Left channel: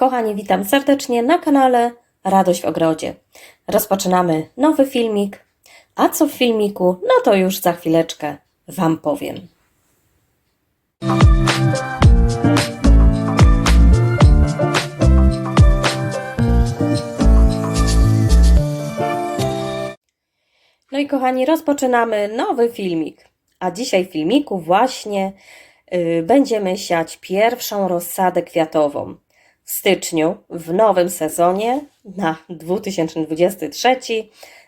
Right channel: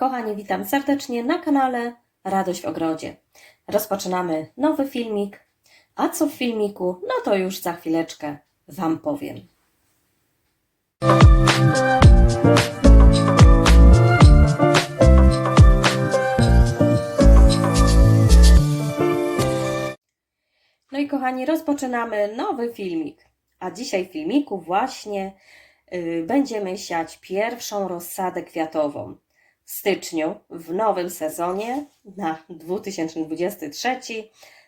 Kochani, witam serdecznie na kanale Radość w Ogrodzie. Rozpoczynamy nowy filmik, a co w filmiku, no to już za chwileczkę Wam powiem. No i kochani, rozpoczynamy nowy filmik. A dzisiaj w filmiku właśnie y, będziemy siać pierwszą rozsadę kwiatową. Styczniu, w nowym sezonie na 2023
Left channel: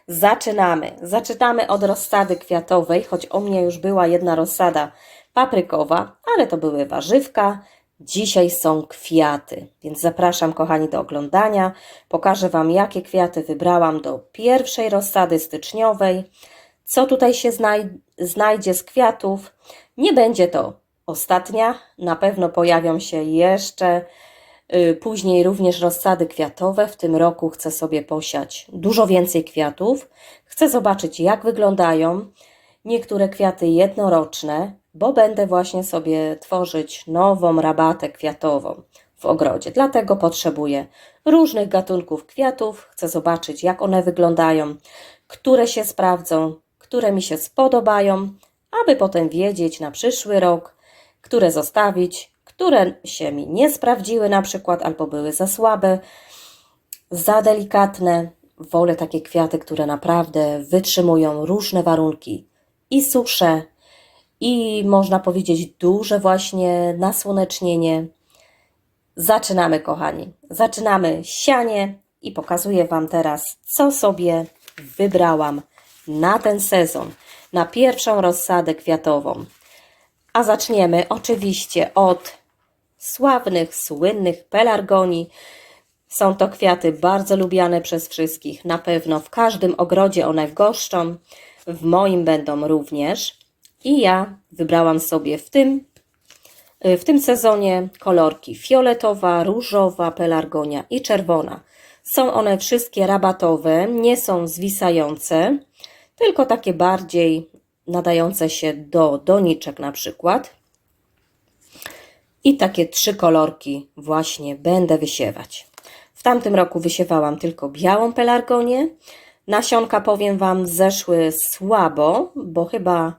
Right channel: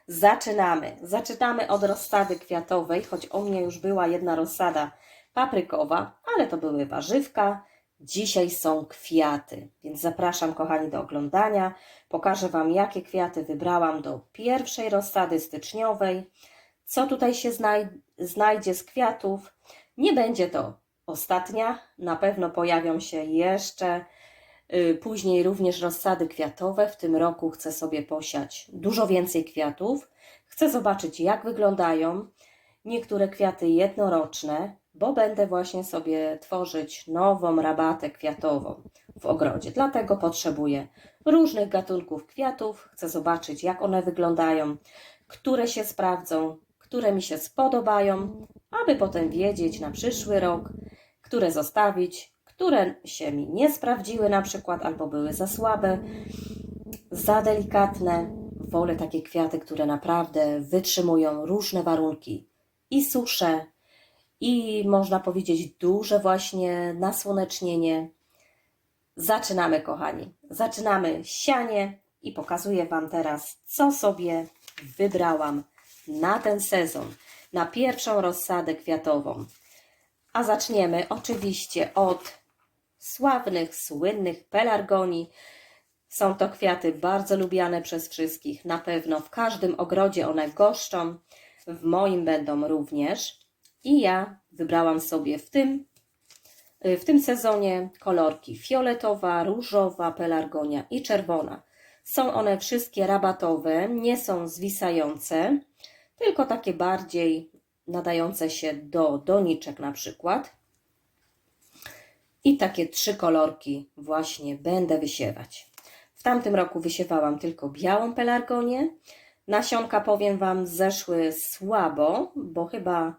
zaczynamy. Zaczynamy od rozsady kwiatowej, choć u mnie już była jedna rozsada paprykowa, ale to były warzywka. Dzisiaj są kwiaty, więc zapraszam kochani do oglądania. Pokażę Wam, jakie kwiaty wybrałam do pierwszej rozsady styczniowej. Co tutaj się znaj znajdzie z kwiatów? Nie będzie to ostatnia, na pewno pojawią się jeszcze później również rozsady kwiatowe. W tym roku chcę sobie posiać dużo więcej kwiatów. Chcę zobaczyć, jak wyglądają niektóre kwiaty jednoroczne, bo będę właśnie sobie tworzyć nową rabatę kwiatową w ogrodzie. Dlatego potrzebuję różnych gatunków kwiatów. Chcę zobaczyć, jak one wyglądają, które się sprawdzą, które mi się spodobają, aby potem wiedzieć na przyszły rok, które zostawić, które się mi nie sprawdziły na przykład, albo były za słabe, za delikatne. Wolę takie kwiaty, które naprawdę wytrzymują różne warunki i susze, i można powiedzieć duże właśnie nasłonecznienie. Zaczynamy, kochani. Zaczynamy sianie i pokazuję Wam teraz, co sobie wybrałam na ten sezon, na pierwszą rozsadę kwiatową. A zaczniemy oczywiście od sławnych, słynnych pelargonii. Są to kwiaty bardzo lubiane przez wszystkich. Na pewno w każdym ogrodzie one goszczą. W moim będą również. I ja wybrałam sobie w tym, w tym sezonie kolorki fioletowa, różowa, pelargonia i czerwona. Są one wszystkie rabatowe, nie są zwisające, tylko takie bardziej nadające się do doniczek na przykład. I takie trzy kolorki właśnie będę wysiewać. W tamtym roku wysiewałam tylko białą pelargonię. Nasionka, powiem Wam, zeszły słabo, bo chyba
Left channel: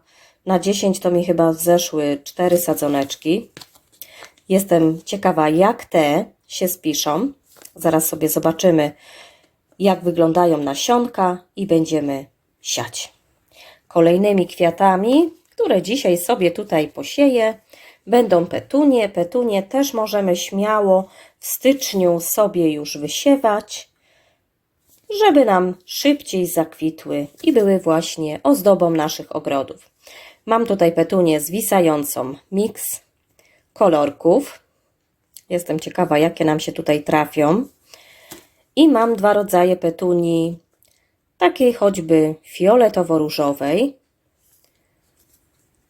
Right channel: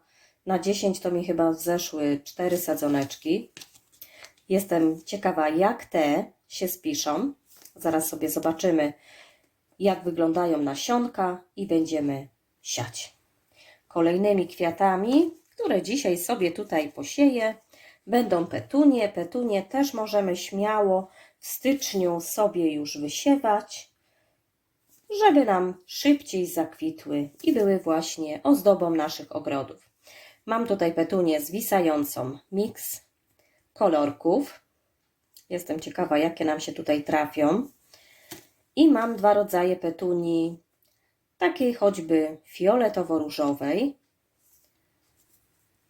na 10 to mi chyba zeszły 4 sadzoneczki. Jestem ciekawa, jak te się spiszą. Zaraz sobie zobaczymy, jak wyglądają nasionka i będziemy siać. Kolejnymi kwiatami, które dzisiaj sobie tutaj posieję, będą petunie. Petunie też możemy śmiało w styczniu sobie już wysiewać, żeby nam szybciej zakwitły i były właśnie ozdobą naszych ogrodów. Mam tutaj petunię zwisającą miks kolorków. Jestem ciekawa, jakie nam się tutaj trafią. I mam dwa rodzaje petunii, takiej choćby fioletowo-różowej,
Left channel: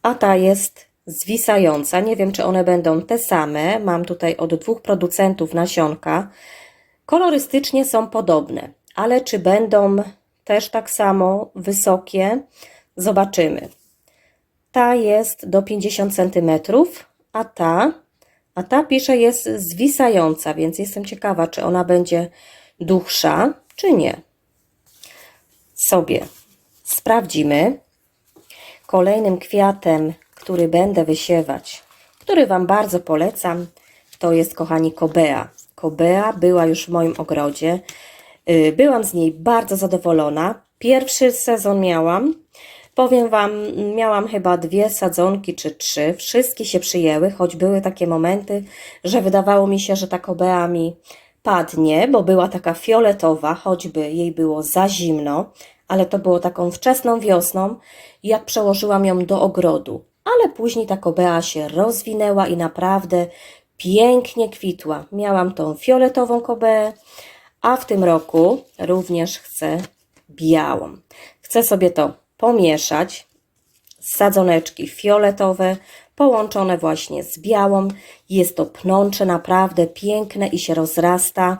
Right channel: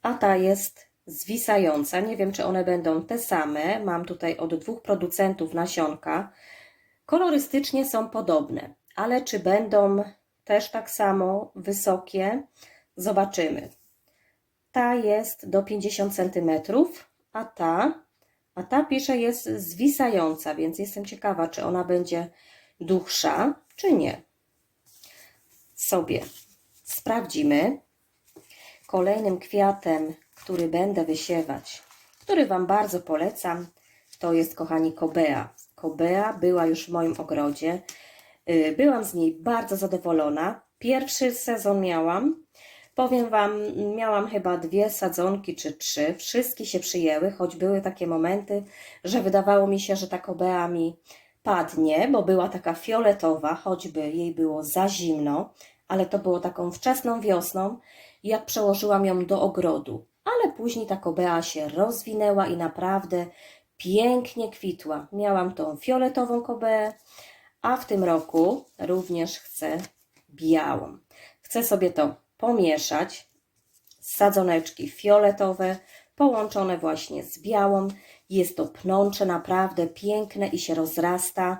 a ta jest zwisająca. Nie wiem, czy one będą te same. Mam tutaj od dwóch producentów nasionka. Kolorystycznie są podobne, ale czy będą też tak samo wysokie, zobaczymy. Ta jest do 50 cm, a ta, a ta pisze jest zwisająca, więc jestem ciekawa, czy ona będzie dłuższa, czy nie. Sobie sprawdzimy. Kolejnym kwiatem, który będę wysiewać, który Wam bardzo polecam, to jest, kochani, kobea. Kobea była już w moim ogrodzie. Y, byłam z niej bardzo zadowolona. Pierwszy sezon miałam. Powiem Wam, miałam chyba dwie sadzonki czy trzy. Wszystkie się przyjęły, choć były takie momenty, że wydawało mi się, że ta kobea mi padnie, bo była taka fioletowa, choćby jej było za zimno, ale to było taką wczesną wiosną, jak przełożyłam ją do ogrodu. Ale później ta kobea się rozwinęła i naprawdę pięknie kwitła. Miałam tą fioletową kobeę, a w tym roku również chcę białą. Chcę sobie to pomieszać. Sadzoneczki fioletowe, połączone właśnie z białą. Jest to pnącze naprawdę piękne i się rozrasta.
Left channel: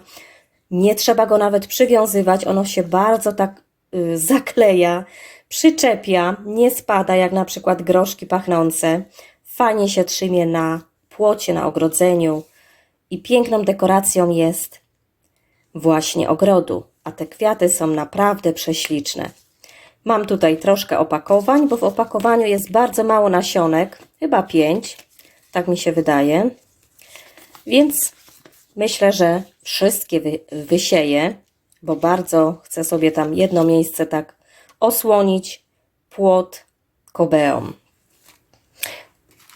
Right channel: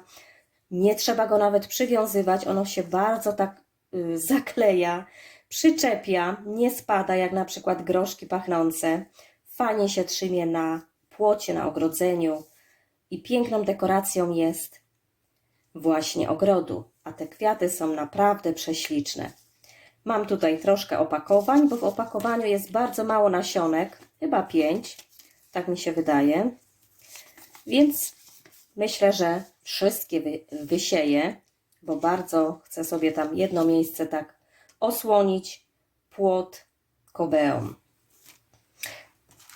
Nie trzeba go nawet przywiązywać, ono się bardzo tak y, zakleja, przyczepia, nie spada jak na przykład groszki pachnące. Fajnie się trzymie na płocie, na ogrodzeniu i piękną dekoracją jest właśnie ogrodu, a te kwiaty są naprawdę prześliczne. Mam tutaj troszkę opakowań, bo w opakowaniu jest bardzo mało nasionek, chyba pięć, tak mi się wydaje. Więc myślę, że wszystkie wy, wysieję, bo bardzo chcę sobie tam jedno miejsce tak osłonić, płot kobeą.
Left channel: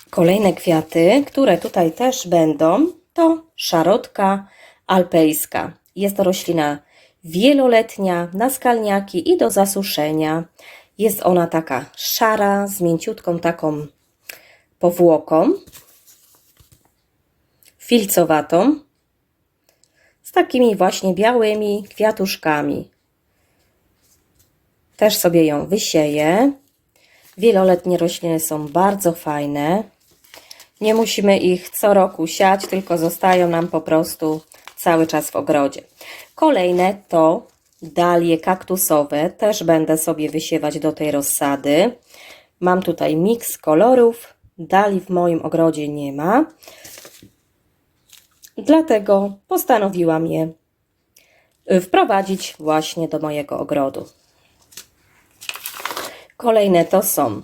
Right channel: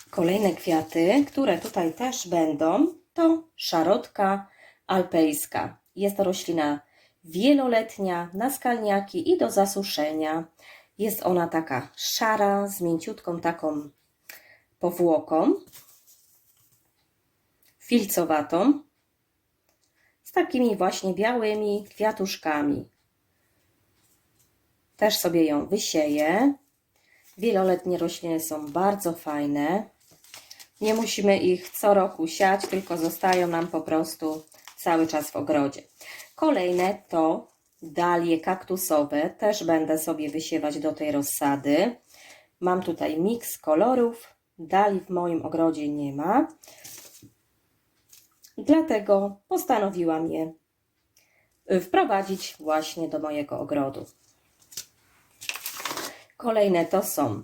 Kolejne kwiaty, które tutaj też będą, to szarotka alpejska. Jest to roślina wieloletnia na skalniaki i do zasuszenia. Jest ona taka szara, z mięciutką taką powłoką, filcowatą, z takimi właśnie białymi kwiatuszkami. Też sobie ją wysieję. Wieloletnie rośliny są bardzo fajne. Nie musimy ich co roku siać, tylko zostają nam po prostu cały czas w ogrodzie. Kolejne to dalie kaktusowe. Też będę sobie wysiewać do tej rozsady. Mam tutaj miks kolorów. Dali w moim ogrodzie nie ma. Dlatego postanowiłam je wprowadzić właśnie do mojego ogrodu. Kolejne to są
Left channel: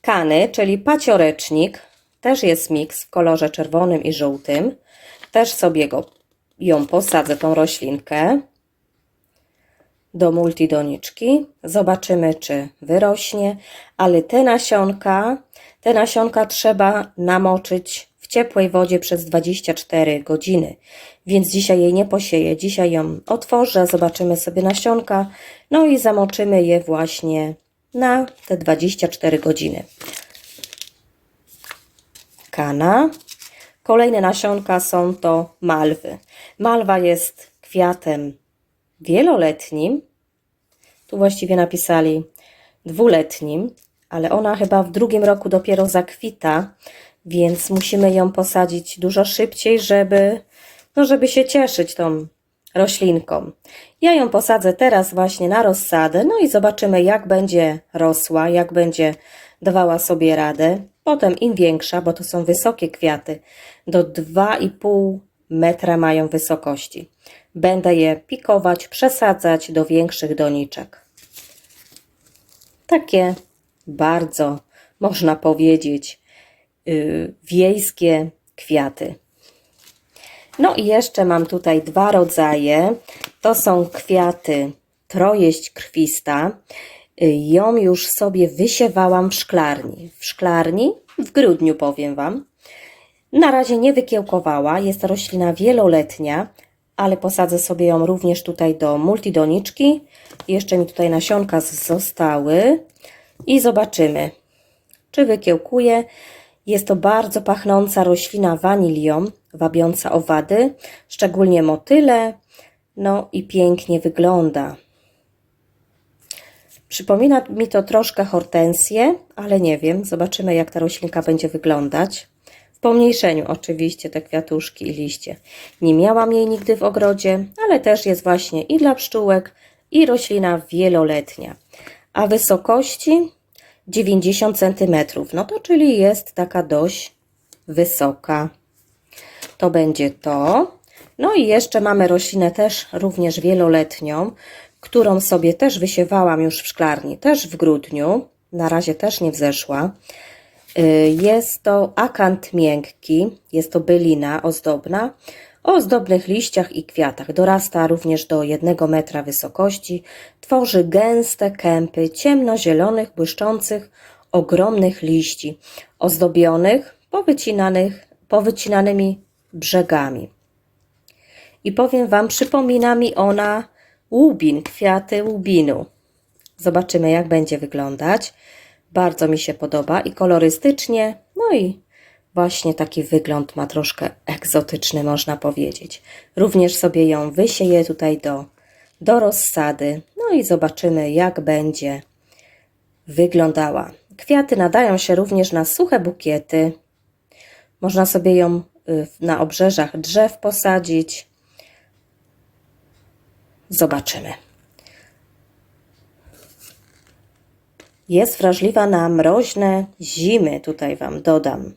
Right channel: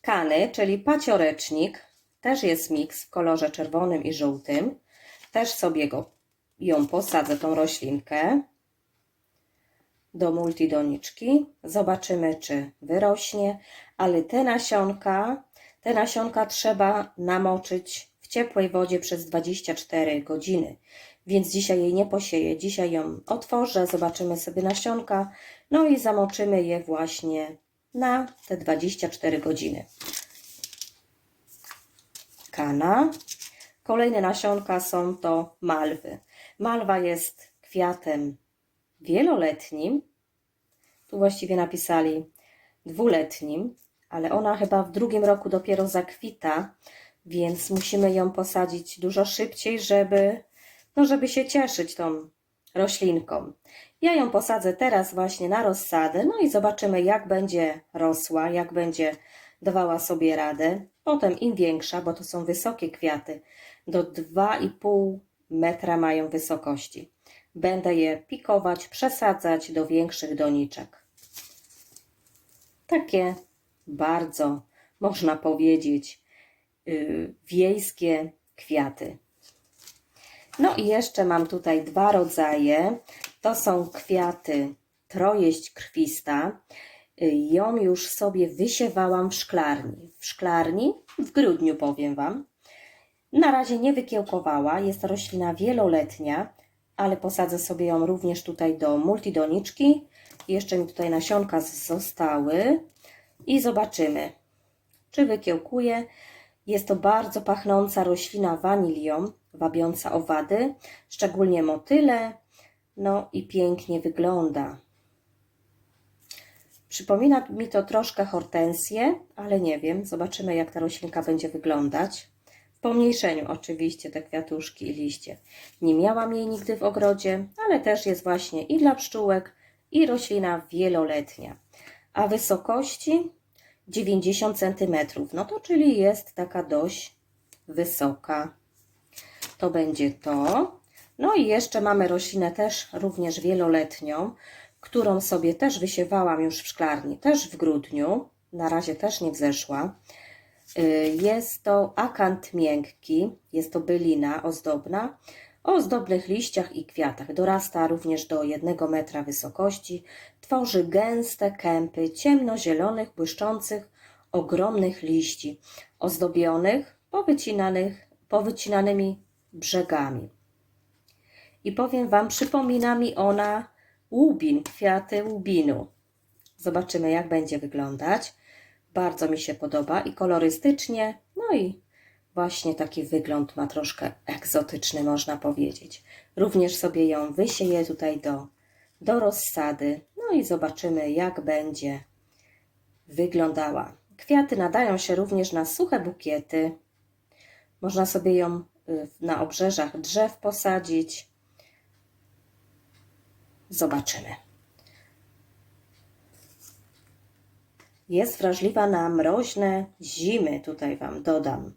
kany, czyli paciorecznik. Też jest miks w kolorze czerwonym i żółtym. Też sobie go, ją posadzę, tą roślinkę do multidoniczki. Zobaczymy, czy wyrośnie, ale te nasionka, te nasionka trzeba namoczyć w ciepłej wodzie przez 24 godziny. Więc dzisiaj jej nie posieję. Dzisiaj ją otworzę, zobaczymy sobie nasionka, no i zamoczymy je właśnie na te 24 godziny. Kana. Kolejne nasionka są to malwy. Malwa jest kwiatem wieloletnim. Tu właściwie napisali dwuletnim, ale ona chyba w drugim roku dopiero zakwita, więc musimy ją posadzić dużo szybciej, żeby, no żeby się cieszyć tą roślinką. Ja ją posadzę teraz właśnie na rozsadę, no i zobaczymy, jak będzie rosła, jak będzie dawała sobie radę. Potem im większa, bo to są wysokie kwiaty, do 2,5 metra mają wysokości. Będę je pikować, przesadzać do większych doniczek. Takie bardzo, można powiedzieć, yy, wiejskie kwiaty. No i jeszcze mam tutaj dwa rodzaje. To są kwiaty trojeść krwista. Ją już sobie wysiewałam w szklarni. W szklarni w grudniu powiem Wam. Na razie nie wykiełkowała. Jest to roślina wieloletnia, ale posadzę sobie ją również tutaj do multidoniczki. Jeszcze mi tutaj nasionka zostały i zobaczymy, czy wykiełkuje. Jest to bardzo pachnąca roślina wanilią, wabiąca owady, szczególnie motyle. No i pięknie wygląda. Przypomina mi to troszkę hortensję, ale nie wiem. Zobaczymy, jak ta roślinka będzie wyglądać. W pomniejszeniu oczywiście te kwiatuszki i liście. Nie miałam jej nigdy w ogrodzie, ale też jest właśnie i dla pszczółek, i roślina wieloletnia. A wysokości 90 cm. No to czyli jest taka dość wysoka. To będzie to. No i jeszcze mamy roślinę też również wieloletnią, którą sobie też wysiewałam już w szklarni, też w grudniu. Na razie też nie wzeszła. Y, Jest to akant miękki, jest to bylina ozdobna o ozdobnych liściach i kwiatach. Dorasta również do 1 metra wysokości. Tworzy gęste kępy ciemnozielonych, błyszczących, ogromnych liści, ozdobionych powycinanych, powycinanymi brzegami. I powiem Wam, przypomina mi ona łubin, kwiaty łubinu. Zobaczymy, jak będzie wyglądać. Bardzo mi się podoba i kolorystycznie, no i właśnie taki wygląd ma troszkę egzotyczny, można powiedzieć. Również sobie ją wysieję tutaj do, do rozsady, no i zobaczymy, jak będzie wyglądała. Kwiaty nadają się również na suche bukiety. Można sobie ją na obrzeżach drzew posadzić. Zobaczymy. Jest wrażliwa na mroźne zimy, tutaj Wam dodam.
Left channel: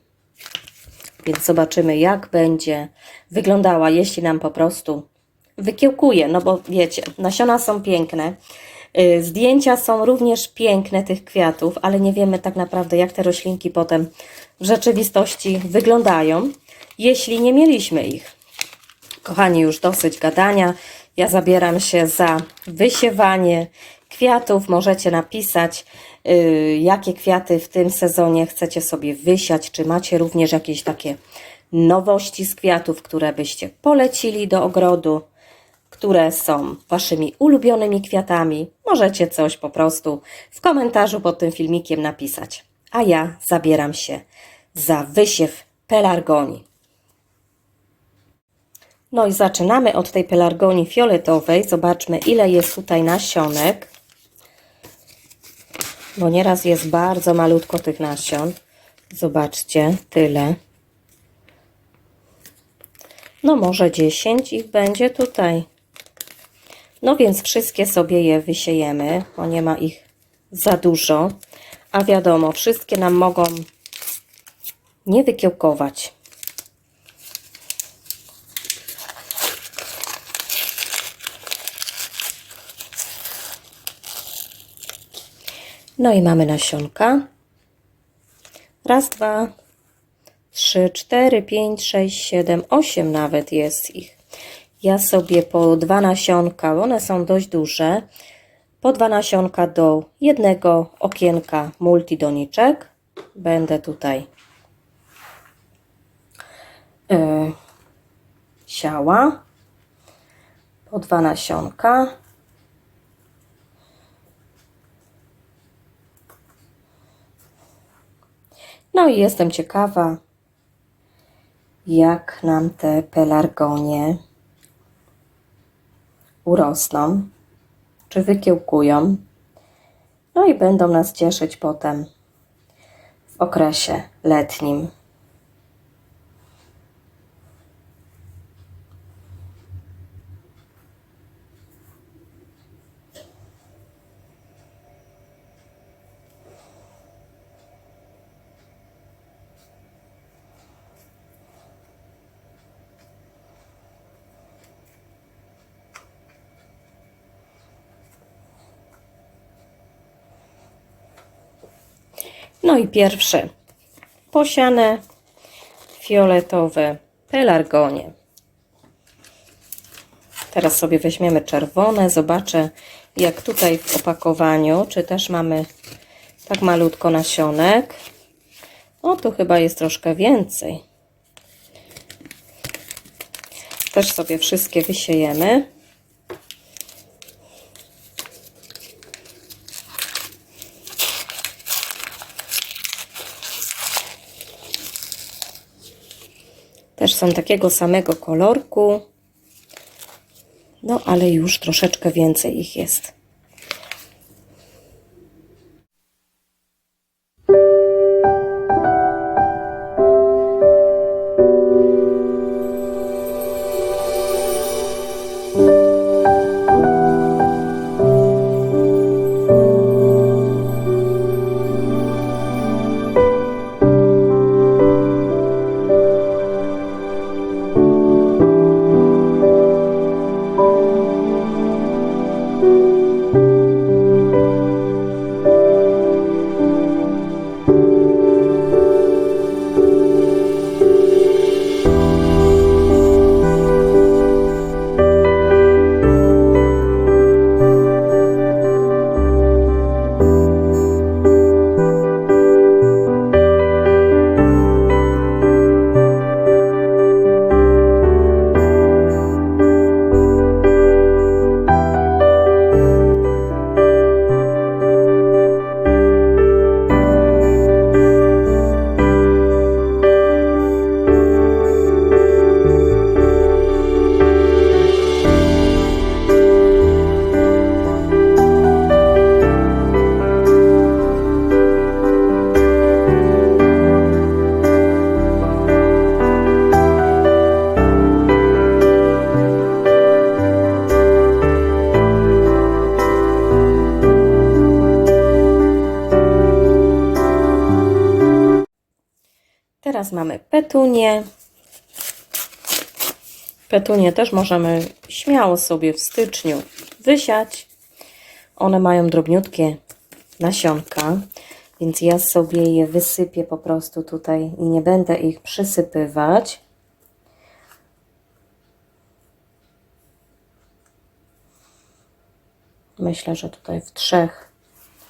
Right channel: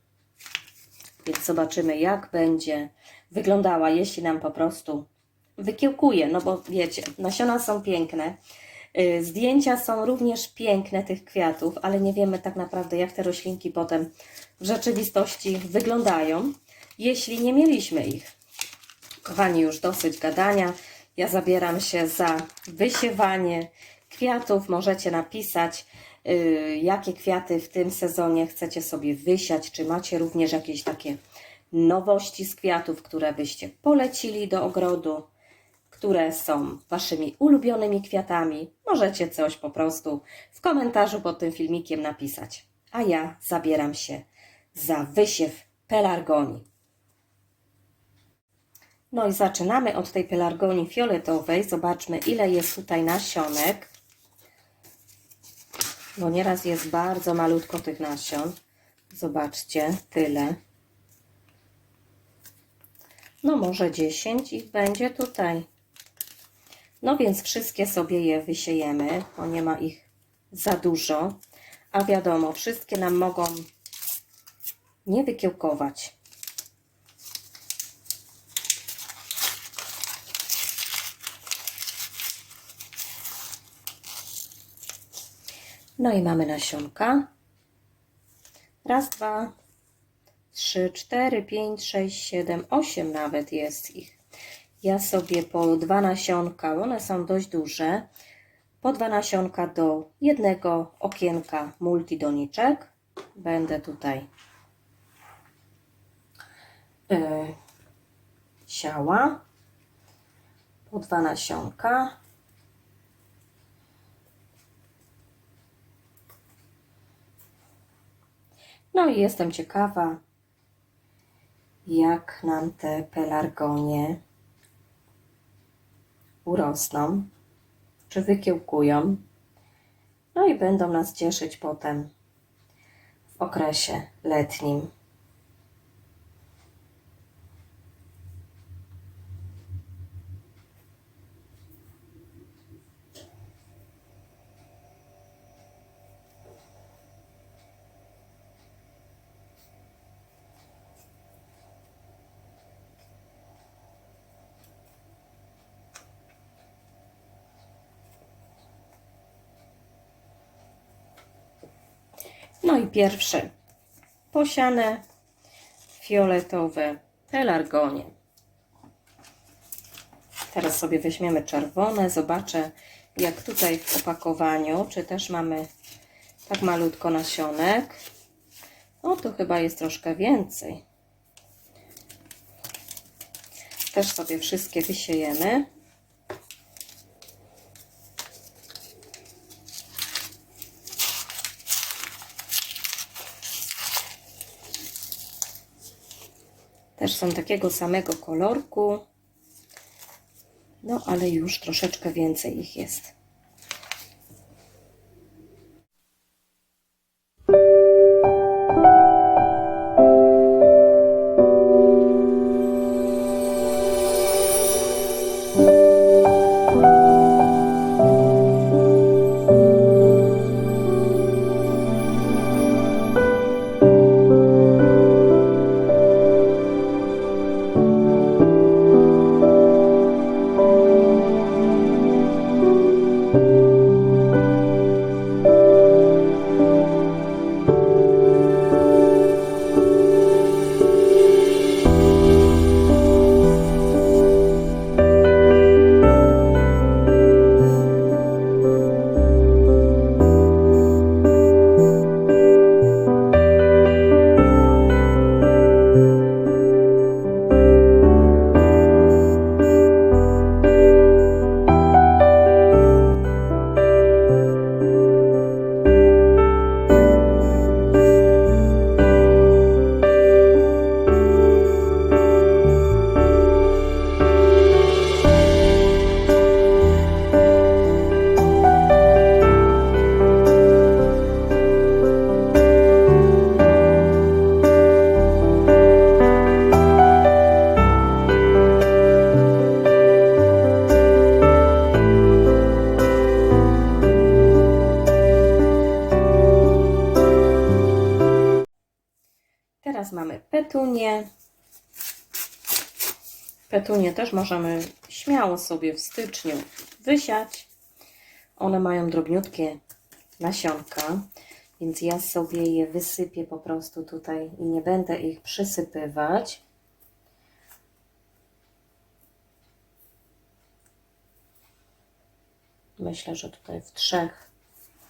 Więc zobaczymy, jak będzie wyglądała, jeśli nam po prostu wykiełkuje, no bo wiecie, nasiona są piękne, y, zdjęcia są również piękne tych kwiatów, ale nie wiemy tak naprawdę, jak te roślinki potem w rzeczywistości wyglądają, jeśli nie mieliśmy ich. Kochani, już dosyć gadania. Ja zabieram się za wysiewanie kwiatów. Możecie napisać, y, jakie kwiaty w tym sezonie chcecie sobie wysiać. Czy macie również jakieś takie nowości z kwiatów, które byście polecili do ogrodu, które są waszymi ulubionymi kwiatami. Możecie coś po prostu w komentarzu pod tym filmikiem napisać. A ja zabieram się za wysiew pelargonii. No i zaczynamy od tej pelargonii fioletowej. Zobaczmy, ile jest tutaj nasionek. Bo nieraz jest bardzo malutko tych nasion. Zobaczcie, tyle. No może 10 ich będzie tutaj. No więc wszystkie sobie je wysiejemy, bo nie ma ich za dużo. A wiadomo, wszystkie nam mogą nie wykiełkować. No i mamy nasionka. Raz, dwa, trzy, cztery, pięć, sześć, siedem, osiem nawet jest ich. Ja sobie po dwa nasionka, one są dość duże, po dwa nasionka do jednego okienka multidoniczek. Będę tutaj yy, siała. Po dwa nasionka. No i jestem ciekawa, jak nam te pelargonie urosną, czy wykiełkują. No i będą nas cieszyć potem w okresie letnim. No i pierwsze posiane fioletowe pelargonie. Teraz sobie weźmiemy czerwone. Zobaczę, jak tutaj w opakowaniu, czy też mamy tak malutko nasionek. O, tu chyba jest troszkę więcej. Też sobie wszystkie wysiejemy. Są takiego samego kolorku. No, ale już troszeczkę więcej ich jest. Petunie też możemy śmiało sobie w styczniu wysiać. One mają drobniutkie nasionka, więc ja sobie je wysypię po prostu tutaj i nie będę ich przysypywać. Myślę, że tutaj w trzech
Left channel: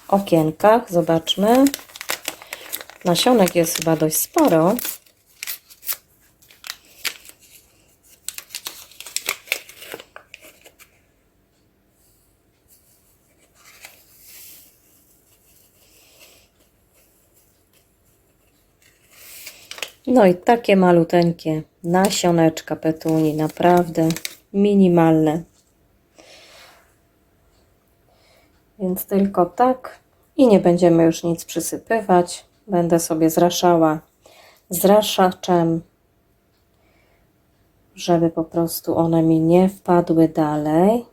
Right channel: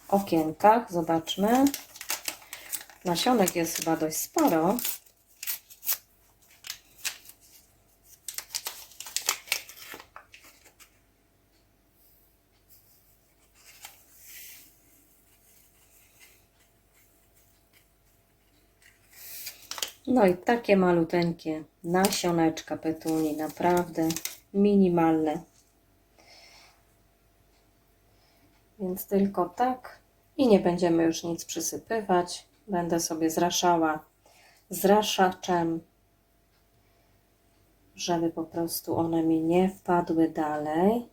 okienkach. Zobaczmy. Nasionek jest chyba dość sporo. No i takie maluteńkie nasioneczka petuni, naprawdę minimalne. Więc tylko tak i nie będziemy już nic przysypywać. Będę sobie zraszała zraszaczem, żeby po prostu one mi nie wpadły dalej.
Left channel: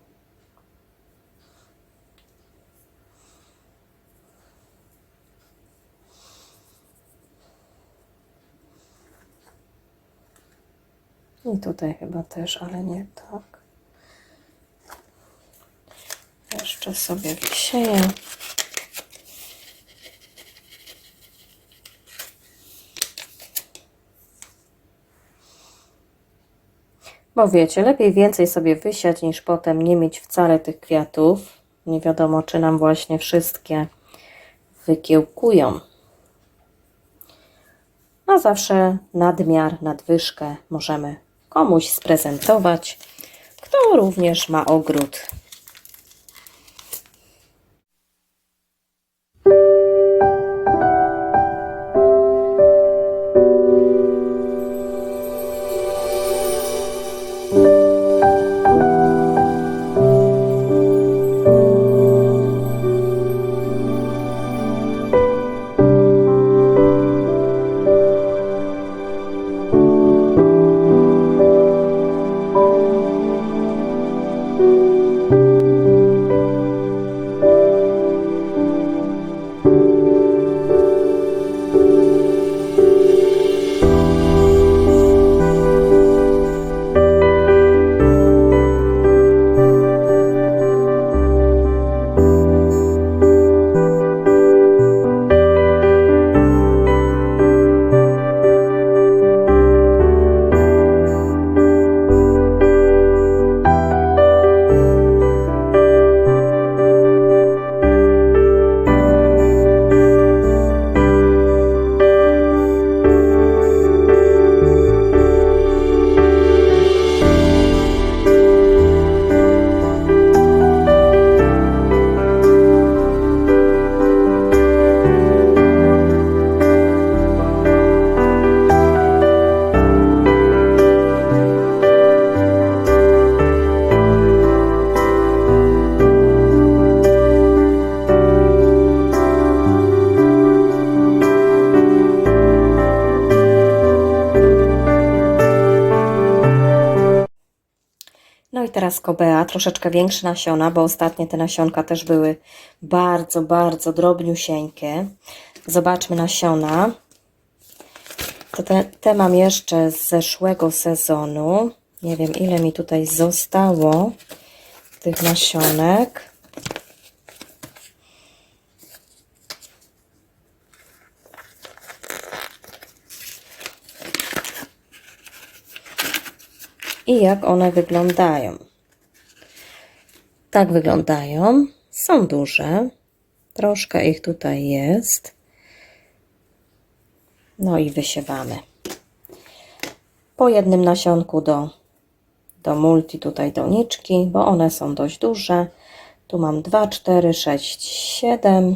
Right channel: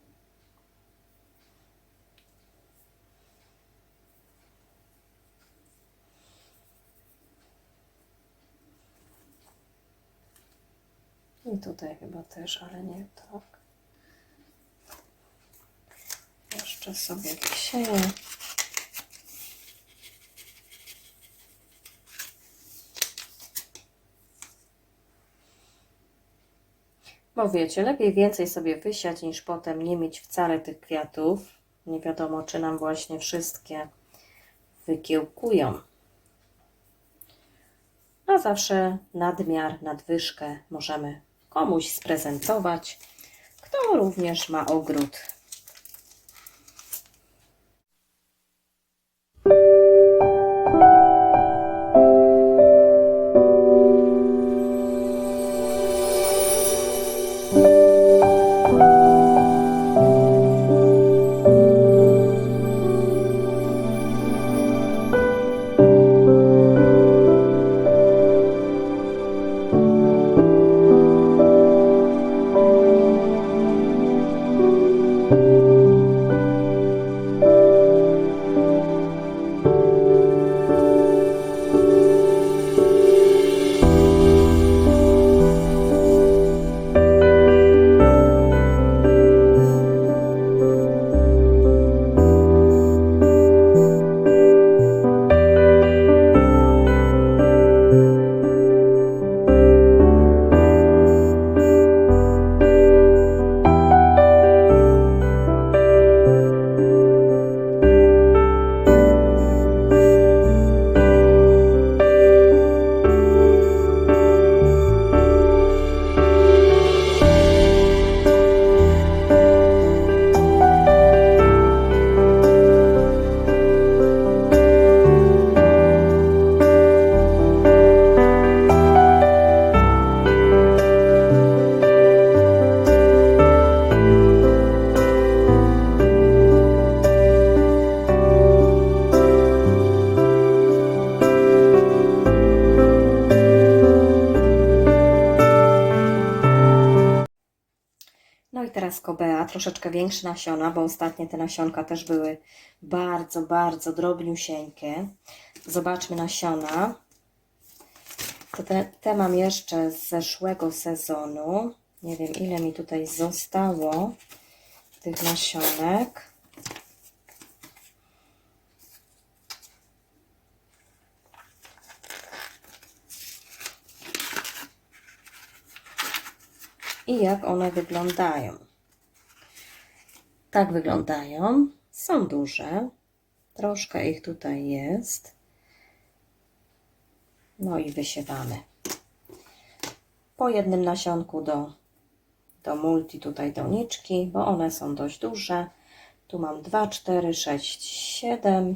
I tutaj chyba też, ale nie tak. Jeszcze sobie wysieję. Bo wiecie, lepiej więcej sobie wysiać, niż potem nie mieć wcale tych kwiatów. Nie wiadomo, czy nam właśnie wszystkie wykiełkują. A zawsze nadmiar, nadwyżkę możemy komuś sprezentować, kto również ma ogród. Troszeczkę większe nasiona, bo ostatnie te nasionka też były bardzo, bardzo drobniusieńkie. Zobaczmy nasiona. To te, te mam jeszcze z zeszłego sezonu. Nie wiem, ile mi tutaj zostało tych nasionek. i jak one wyglądają. Tak wyglądają. Są duże. Troszkę ich tutaj jest. No i wysiewamy. Po jednym nasionku do, do multi, tutaj doniczki, bo one są dość duże. Tu mam 2, 4, 6, 7.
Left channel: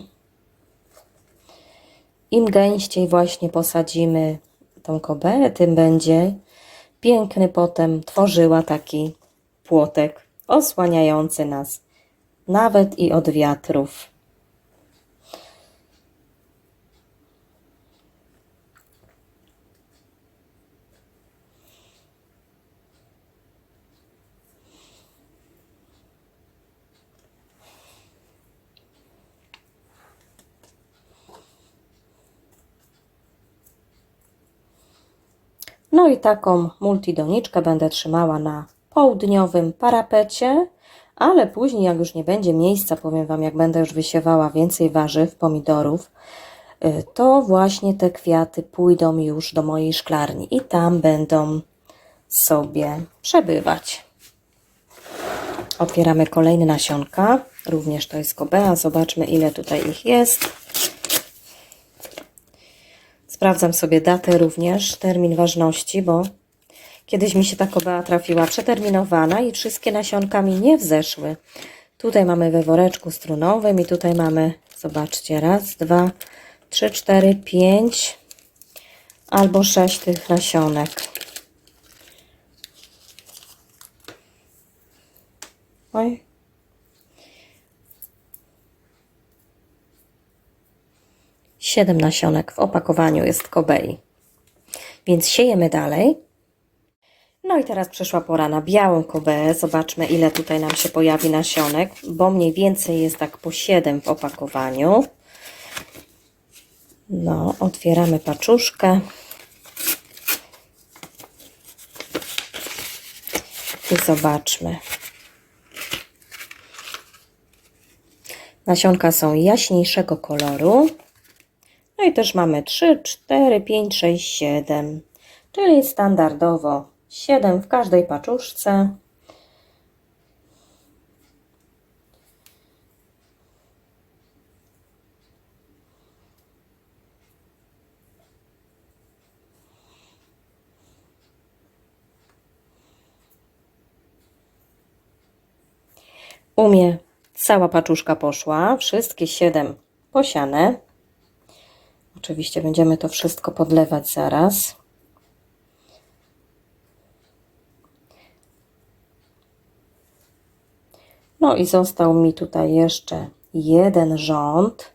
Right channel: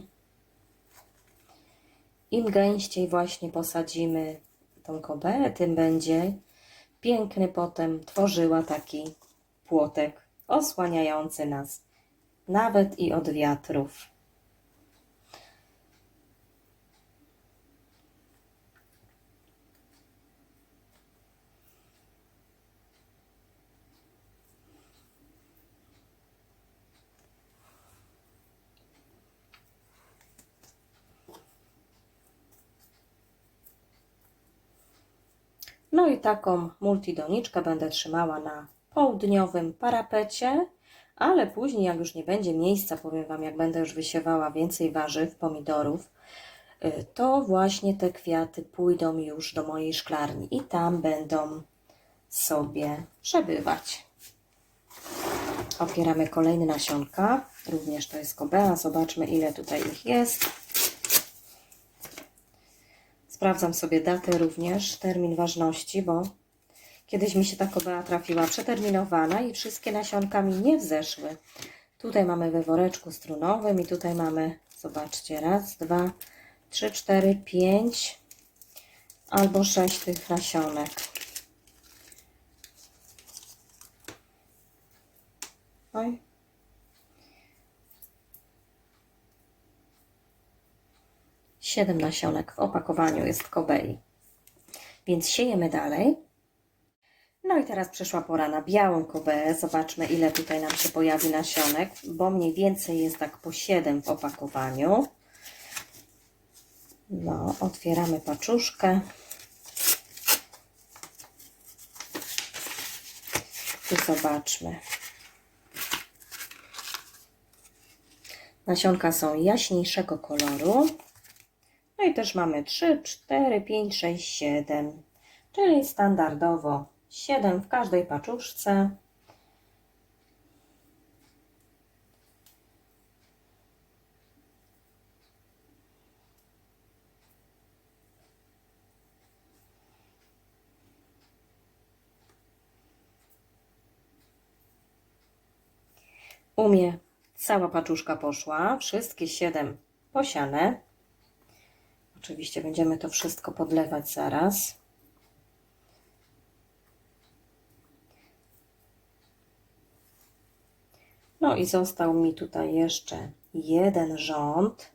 Im gęściej właśnie posadzimy tą koberę, tym będzie piękny potem tworzyła taki płotek osłaniający nas nawet i od wiatrów. No i taką multidoniczkę będę trzymała na południowym parapecie, ale później, jak już nie będzie miejsca, powiem Wam, jak będę już wysiewała więcej warzyw, pomidorów, y, to właśnie te kwiaty pójdą już do mojej szklarni i tam będą sobie przebywać. Otwieramy kolejne nasionka. Również to jest kobea. Zobaczmy, ile tutaj ich jest. Sprawdzam sobie datę również, termin ważności, bo kiedyś mi się ta kobea trafiła przeterminowana i wszystkie nasionka mi nie wzeszły. Tutaj mamy we woreczku strunowym i tutaj mamy, zobaczcie, raz, dwa, trzy, cztery, pięć albo sześć tych nasionek. Oj. Siedem nasionek w opakowaniu jest kobei. Więc siejemy dalej. No i teraz przyszła pora na białą kobeę. Zobaczmy, ile tutaj nam się pojawi nasionek, bo mniej więcej jest tak po 7 w opakowaniu. No, otwieramy paczuszkę. I zobaczmy. Nasionka są jaśniejszego koloru. No i też mamy 3, 4, 5, 6, 7. Czyli standardowo 7 w każdej paczuszce. U mnie cała paczuszka poszła, wszystkie 7 posiane. Oczywiście będziemy to wszystko podlewać zaraz. No i został mi tutaj jeszcze jeden rząd.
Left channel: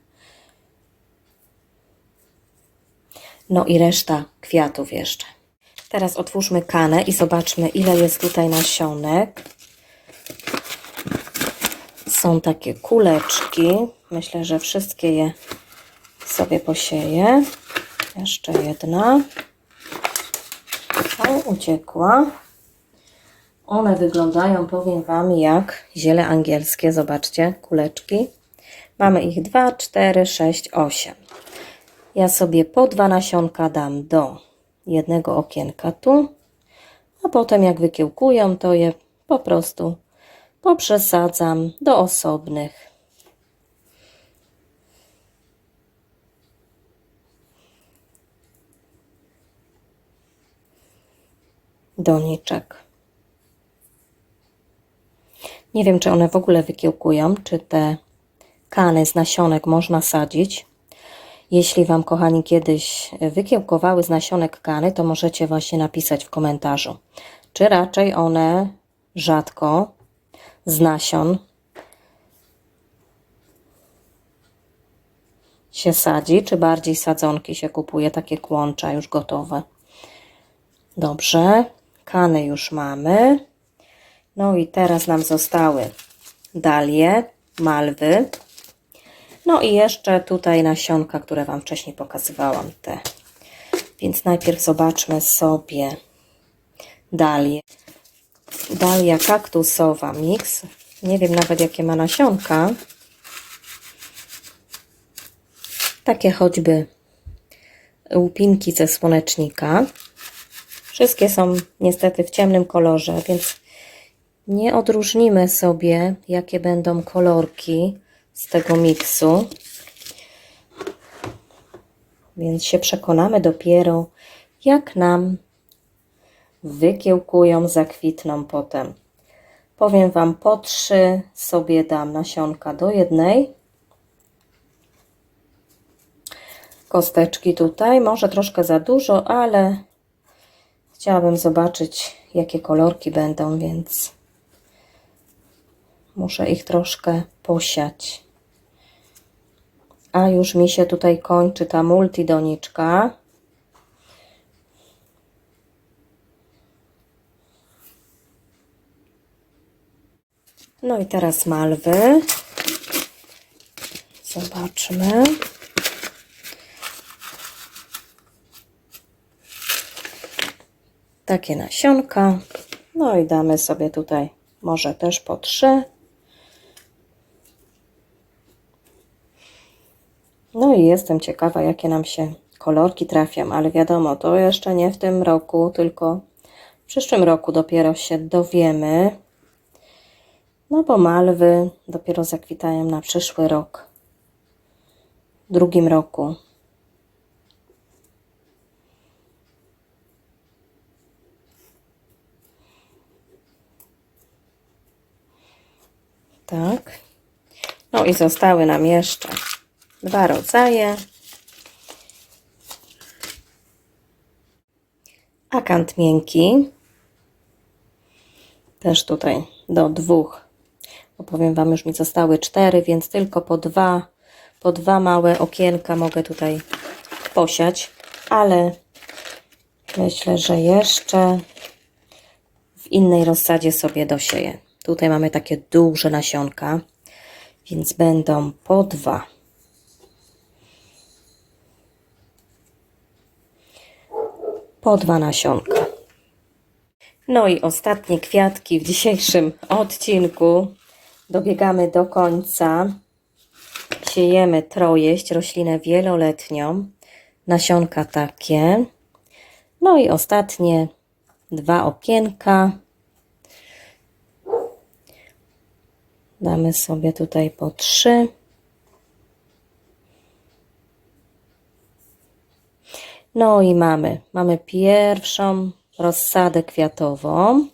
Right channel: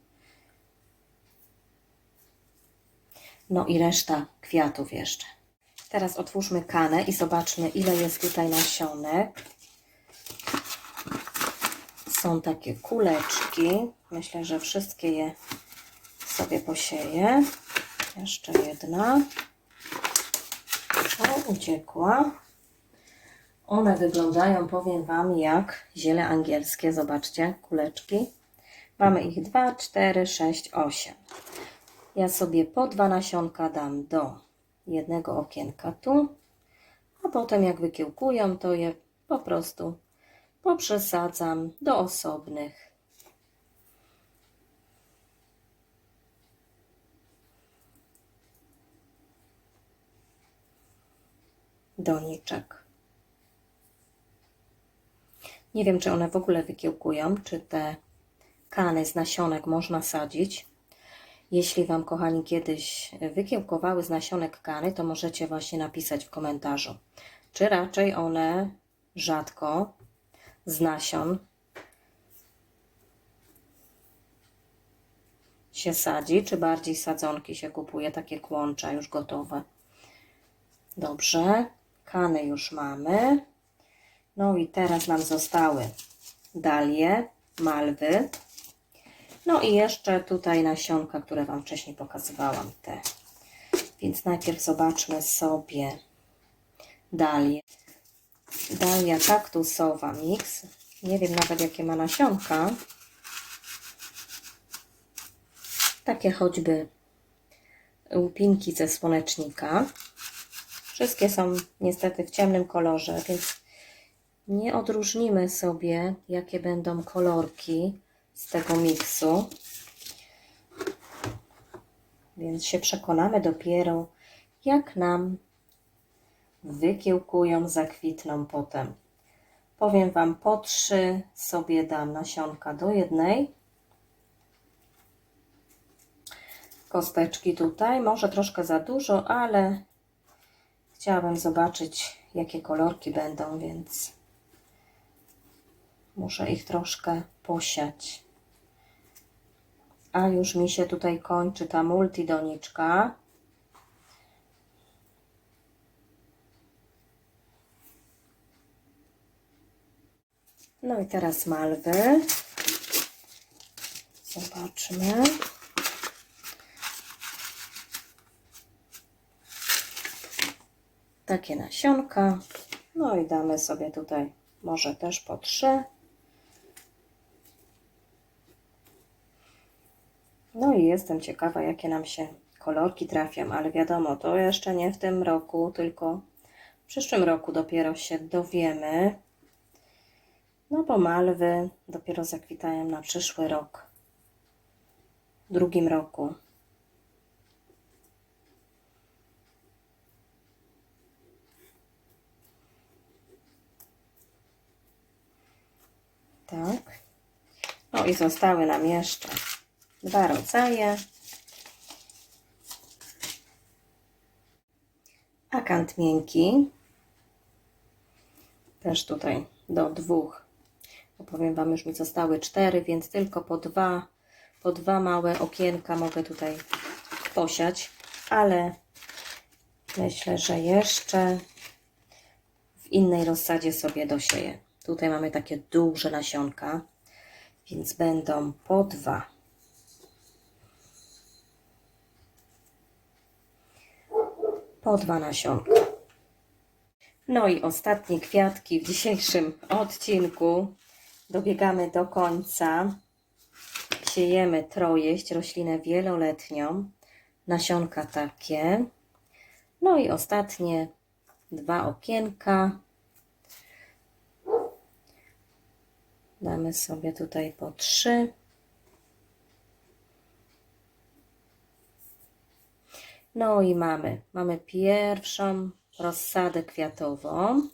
No i reszta kwiatów jeszcze. Teraz otwórzmy kanę i zobaczmy, ile jest tutaj nasionek. Są takie kuleczki. Myślę, że wszystkie je sobie posieję. Jeszcze jedna. O, uciekła. One wyglądają, powiem Wam, jak ziele angielskie. Zobaczcie, kuleczki. Mamy ich 2, 4, 6, 8. Ja sobie po dwa nasionka dam do jednego okienka tu, a potem jak wykiełkują, to je po prostu poprzesadzam do osobnych. doniczek. Nie wiem, czy one w ogóle wykiełkują, czy te kany z nasionek można sadzić. Jeśli Wam, kochani, kiedyś wykiełkowały z nasionek kany, to możecie właśnie napisać w komentarzu, czy raczej one rzadko z nasion się sadzi, czy bardziej sadzonki się kupuje, takie kłącza już gotowe. Dobrze, kany już mamy. No i teraz nam zostały dalie, malwy. No i jeszcze tutaj nasionka, które Wam wcześniej pokazywałam, te. Więc najpierw zobaczmy sobie dalię. Dalia kaktusowa mix. Nie wiem nawet jakie ma nasionka. Takie choćby łupinki ze słonecznika. Wszystkie są niestety w ciemnym kolorze, więc nie odróżnimy sobie, jakie będą kolorki z tego miksu. Więc się przekonamy dopiero, jak nam wykiełkują, zakwitną potem. Powiem Wam, po trzy sobie dam nasionka do jednej. Kosteczki tutaj, może troszkę za dużo, ale chciałabym zobaczyć, jakie kolorki będą, więc muszę ich troszkę posiać. A już mi się tutaj kończy ta multidoniczka. No i teraz malwy. Zobaczmy. takie nasionka. No i damy sobie tutaj może też po trzy. I jestem ciekawa, jakie nam się kolorki trafią, ale wiadomo, to jeszcze nie w tym roku, tylko w przyszłym roku dopiero się dowiemy. No bo malwy dopiero zakwitają na przyszły rok. W drugim roku. Tak. No i zostały nam jeszcze dwa rodzaje. Akant miękki. Też tutaj do dwóch. Bo powiem Wam, już mi zostały cztery, więc tylko po dwa, po dwa małe okienka mogę tutaj posiać, ale myślę, że jeszcze w innej rozsadzie sobie dosieję. Tutaj mamy takie duże nasionka, więc będą po dwa. Po dwa nasionka. No i ostatnie kwiatki w dzisiejszym odcinku. Dobiegamy do końca. Siejemy trojeść, roślinę wieloletnią. Nasionka takie. No i ostatnie dwa okienka. Damy sobie tutaj po trzy. No i mamy, mamy pierwszą rozsadę kwiatową,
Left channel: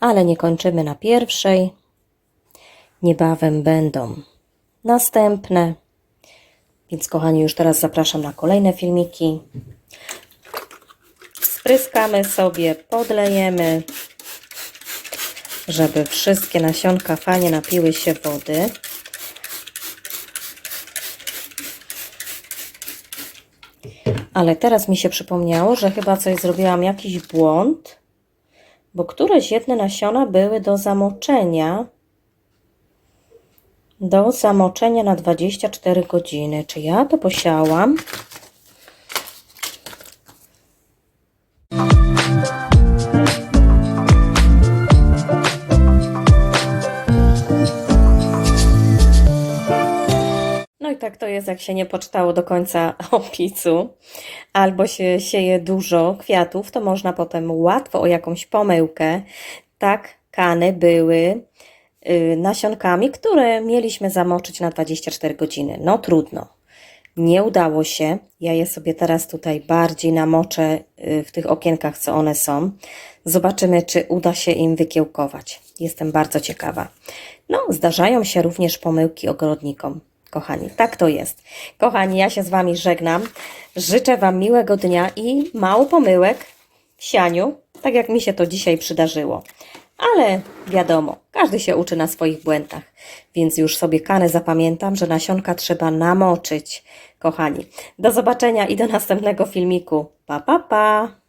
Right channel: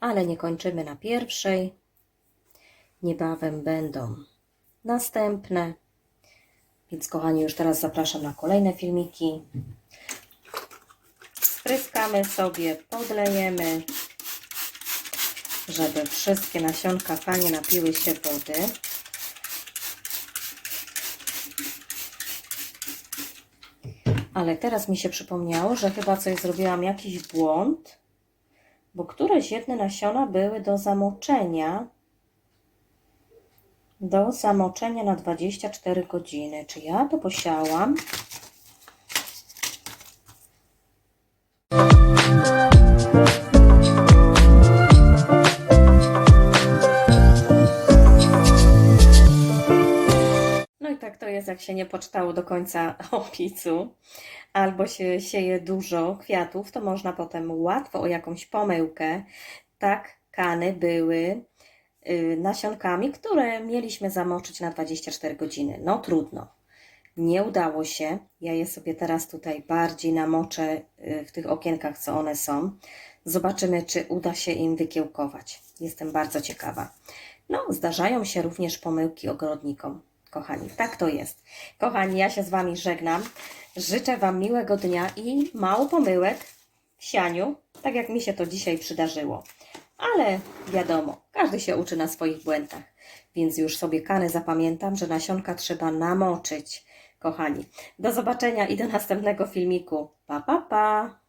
ale nie kończymy na pierwszej. Niebawem będą następne. Więc kochani, już teraz zapraszam na kolejne filmiki. Spryskamy sobie, podlejemy, żeby wszystkie nasionka fajnie napiły się wody. Ale teraz mi się przypomniało, że chyba coś zrobiłam jakiś błąd, bo któreś jedne nasiona były do zamoczenia. Do zamoczenia na 24 godziny. Czy ja to posiałam? Tak to jest, jak się nie poczytało do końca opisu, albo się sieje dużo kwiatów, to można potem łatwo o jakąś pomyłkę. Tak, kany były y, nasionkami, które mieliśmy zamoczyć na 24 godziny. No trudno. Nie udało się. Ja je sobie teraz tutaj bardziej namoczę y, w tych okienkach, co one są. Zobaczymy, czy uda się im wykiełkować. Jestem bardzo ciekawa. No, zdarzają się również pomyłki ogrodnikom. Kochani, tak to jest. Kochani, ja się z Wami żegnam. Życzę Wam miłego dnia i mało pomyłek w sianiu, tak jak mi się to dzisiaj przydarzyło. Ale wiadomo, każdy się uczy na swoich błędach, więc już sobie kany zapamiętam, że nasionka trzeba namoczyć. Kochani, do zobaczenia i do następnego filmiku. Pa, pa, pa!